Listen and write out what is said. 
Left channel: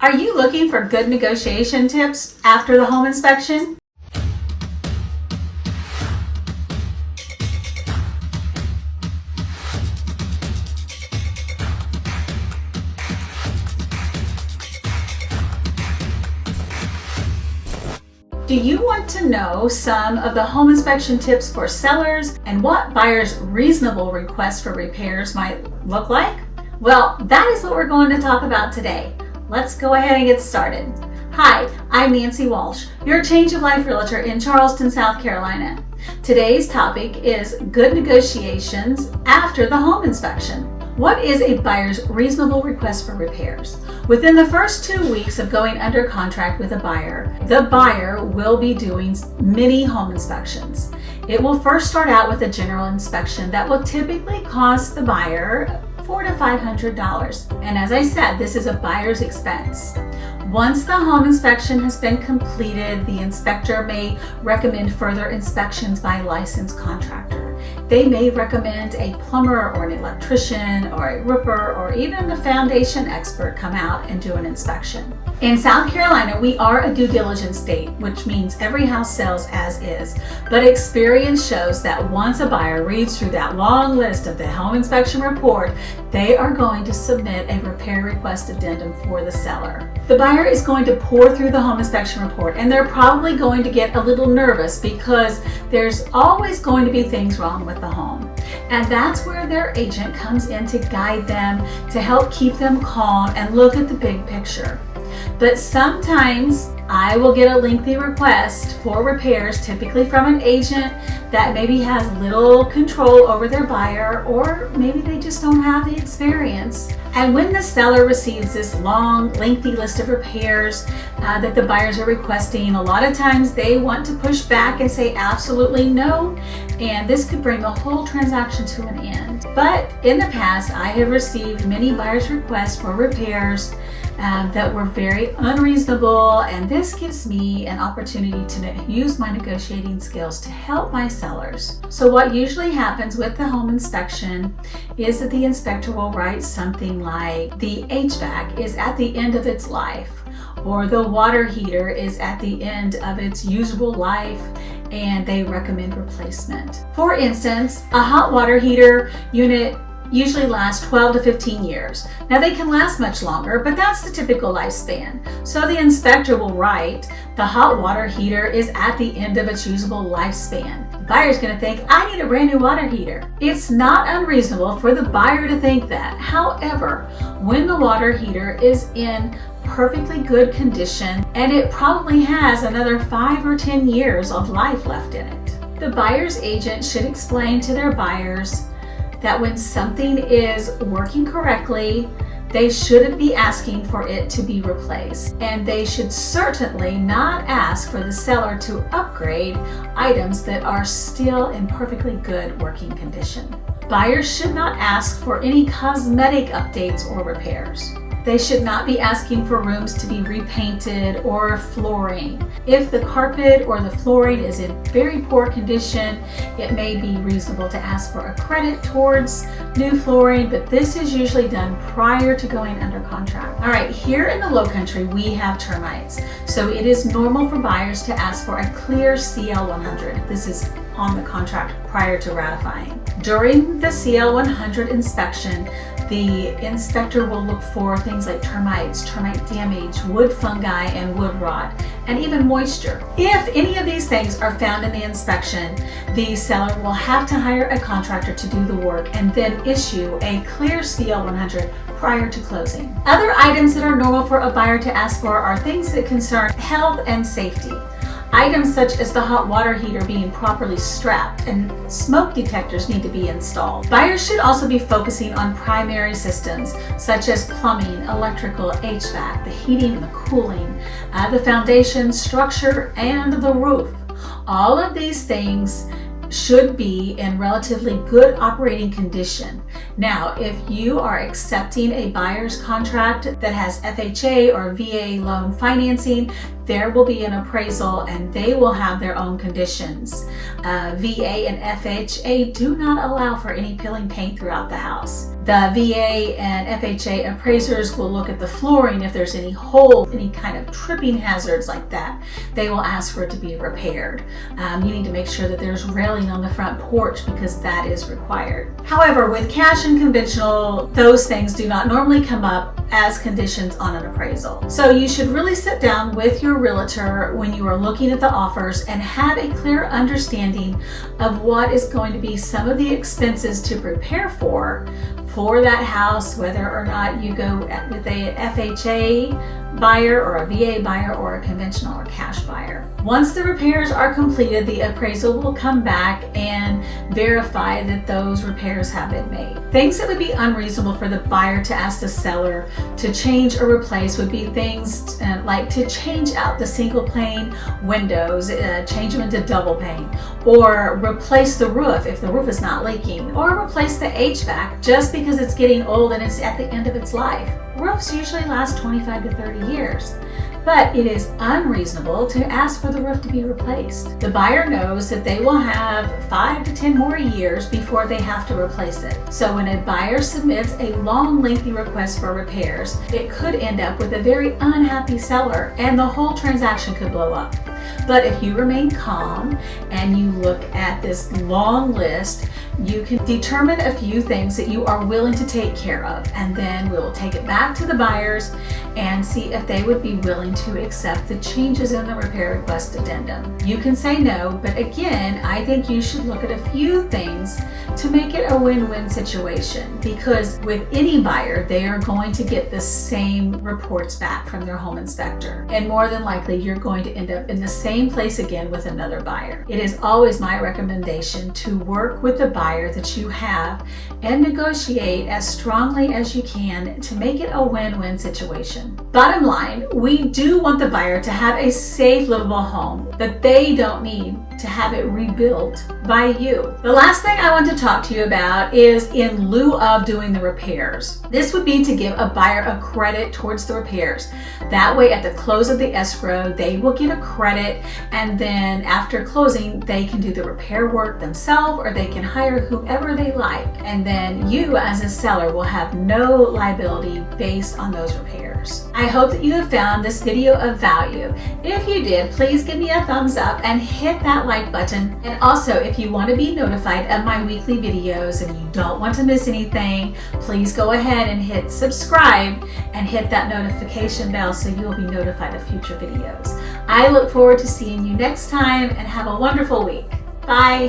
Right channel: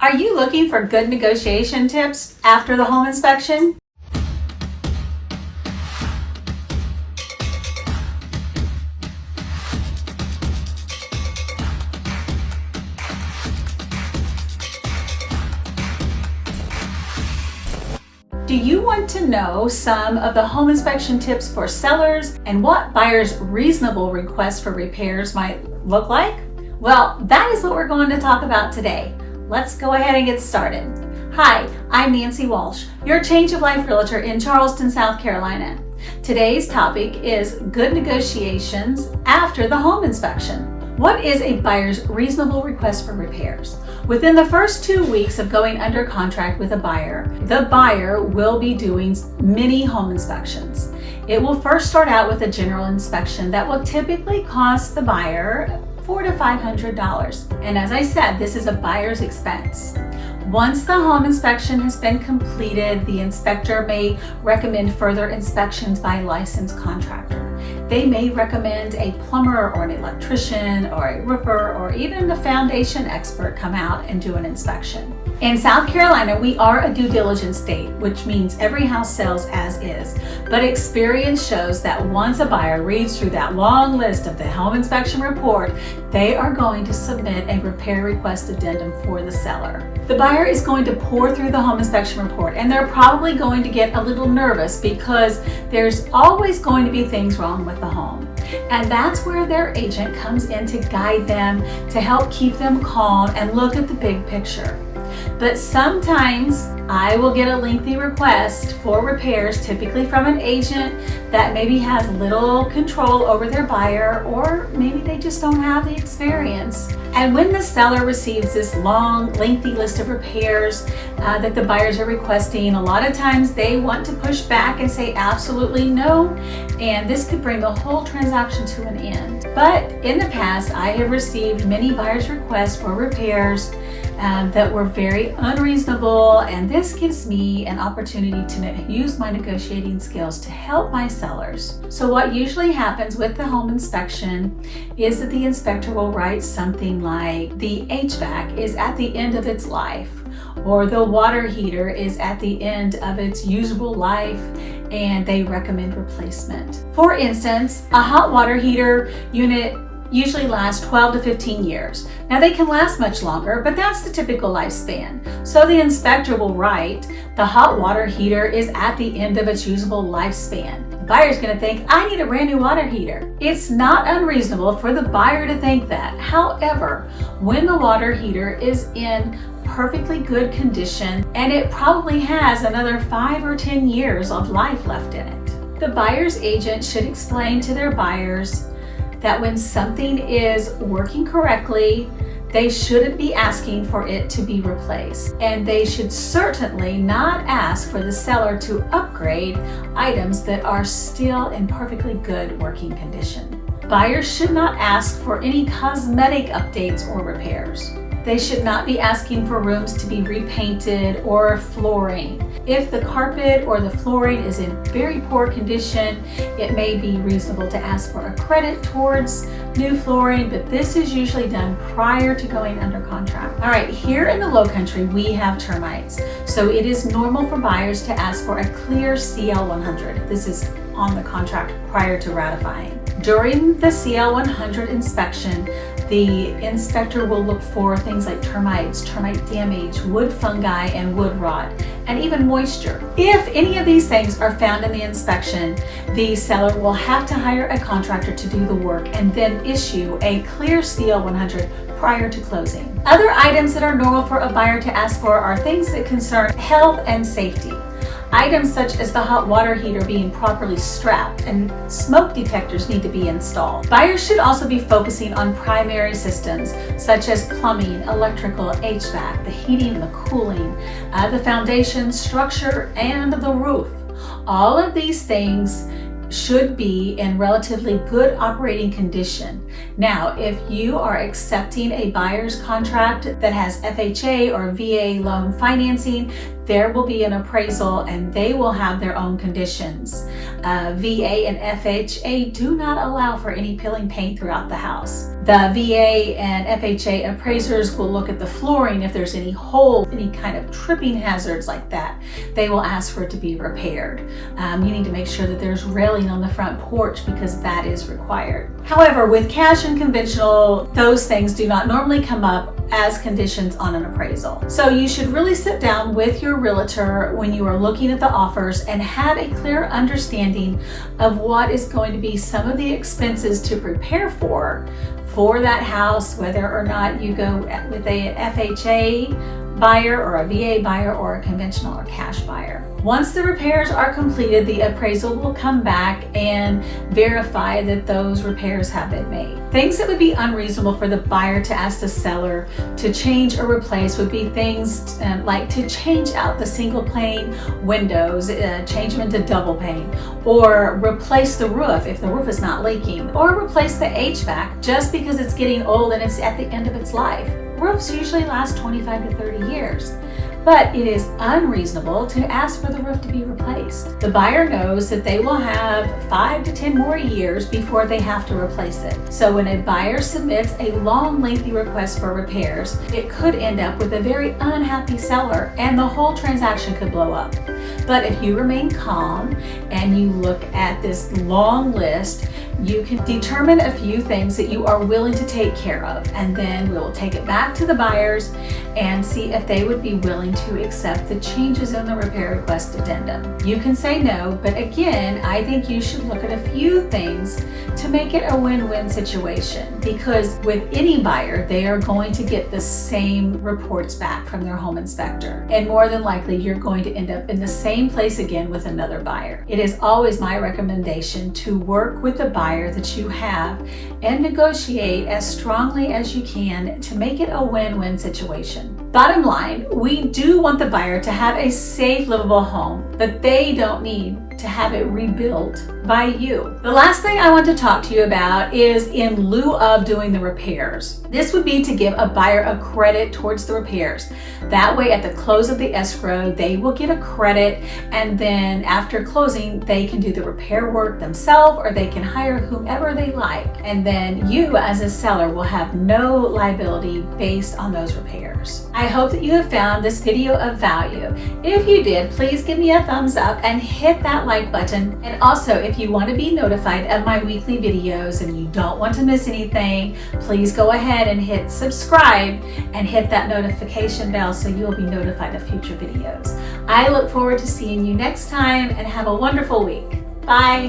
Are you looking for good negotiation tips after the home inspection? Do you want to know some of the home inspection tips for sellers and what buyers' reasonable requests for repairs might look like? Well, that is what we're going to talk about today. Let's go ahead and get started. Hi, I'm Nancy Walsh, your Change of Life Realtor in Charleston, South Carolina. Today's topic is good negotiations after the home inspection. What is a buyer's reasonable request for repairs? Within the first 2 weeks of going under contract with a buyer, the buyer will be doing mini home inspections. It will first start out with a general inspection that will typically cost the buyer $400 to $500. And as I said, this is a buyer's expense. Once the home inspection has been completed, the inspector may recommend further inspections by a licensed contractor. They may recommend a plumber or an electrician or a roofer or even the foundation expert come out and do an inspection. In South Carolina, we are a due diligence state, which means every house sells as is. But experience shows that once a buyer reads through that long list of the home inspection report, they are going to submit a repair request addendum for the seller. The buyer is going to pour through the home inspection report, and they're probably going to get a little nervous because there's always going to be things wrong with the home. And that's where their agent comes in to guide them, to help keep them calm and look at the big picture. But sometimes I will get a lengthy request for repairs, typically from an agent that maybe has little control over their buyer, or maybe they just don't have the experience. And when the seller receives this long, lengthy list of repairs that the buyers are requesting, a lot of times they want to push back and say absolutely no, and this could bring the whole transaction to an end. But in the past, I have received many buyers' requests for repairs that were very unreasonable, and this gives me an opportunity to use my negotiating skills to help my sellers. So what usually happens with the home inspection is that the inspector will write something like the HVAC is at the end of its life, or the water heater is at the end of its usable life and they recommend replacement. For instance, a hot water heater unit usually lasts 12 to 15 years. Now they can last much longer, but that's the typical lifespan. So the inspector will write, the hot water heater is at the end of its usable lifespan. The buyer's gonna think, I need a brand new water heater. It's not unreasonable for the buyer to think that. However, when the water heater is in perfectly good condition and it probably has another 5 or 10 years of life left in it, the buyer's agent should explain to their buyers that when something is working correctly, they shouldn't be asking for it to be replaced. And they should certainly not ask for the seller to upgrade items that are still in perfectly good working condition. Buyers should not ask for any cosmetic updates or repairs. They should not be asking for rooms to be repainted or flooring. If the carpet or the flooring is in very poor condition, it may be reasonable to ask for a credit towards new flooring, but this is usually done prior to going under contract. All right, here in the Lowcountry, we have termites. So it is normal for buyers to ask for a clear CL100. This is on the contract prior to ratifying. During the CL100 inspection, the inspector will look for things like termites, termite damage, wood fungi, and wood rot, and even moisture. If any of these things are found in the inspection, the seller will have to hire a contractor to do the work and then issue a clear CL100 prior to closing. Other items that are normal for a buyer to ask for are things that concern health and safety. Items such as the hot water heater being properly strapped and smoke detectors need to be installed. Buyers should also be focusing on primary systems such as plumbing, electrical, HVAC, the heating and the cooling, the foundation, structure, and the roof. All of these things should be in relatively good operating condition. Now, if you are accepting a buyer's contract that has FHA or VA loan financing, there will be an appraisal and they will have their own conditions. VA and FHA do not allow for any peeling paint throughout the house. The VA and FHA appraisers will look at the flooring if there's any holes, any kind of tripping hazards like that. They will ask for it to be repaired. You need to make sure that there's railing on the front porch because that is required. However, with cash and conventional, those things do not normally come up as conditions on an appraisal. So you should really sit down with your realtor when you are looking at the offers and have a clear understanding of what is going to be some of the expenses to prepare for that house, whether or not you go with a FHA buyer or a VA buyer or a conventional or cash buyer. Once the repairs are completed, the appraisal will come back and verify that those repairs have been made. Things that would be unreasonable for the buyer to ask the seller to change or replace would be things like to change out the single pane windows, change them into double pane, or replace the roof if the roof is not leaking, or replace the HVAC just because it's getting old and it's at the end of its life. Roofs usually last 25 to 30 years. But it is unreasonable to ask for the roof to be replaced. The buyer knows that they will have 5 to 10 more years before they have to replace it. So when a buyer submits a long, lengthy request for repairs, it could end up with a very unhappy seller and the whole transaction could blow up. But if you remain calm and you look at this long list, you can determine a few things that you are willing to take care of, and then we'll take it back to the buyers and see if they would be willing to accept the changes in the repair request addendum. You can say no, but again, I think you should look at a few things to make it a win-win situation, because with any buyer, they are going to get the same reports back from their home inspector. And more than likely, you're going to end up in the same place again with another buyer. It is always my recommendation to work with the buyer that you have and negotiate as strongly as you can to make it a win-win situation. Bottom line, we do want the buyer to have a safe, livable home, but they don't need to have it rebuilt by you. The last thing I want to talk to you about is in lieu of doing the repairs. This would be to give a buyer a credit towards the repairs. That way, at the close of the escrow, they will get a credit, and then after closing, they can do the repair work themselves, or they can hire whomever they like. And then you, as a seller, will have no liability based on those repairs. I hope that you have found this video of value. If you did, please give me a thumbs up and hit that like button. And also, if you want to be notified of my weekly videos and you don't want to miss anything, please go ahead and hit subscribe and hit that notification bell so you'll be notified of future videos. I look forward to seeing you next time, and have a wonderful week. Bye.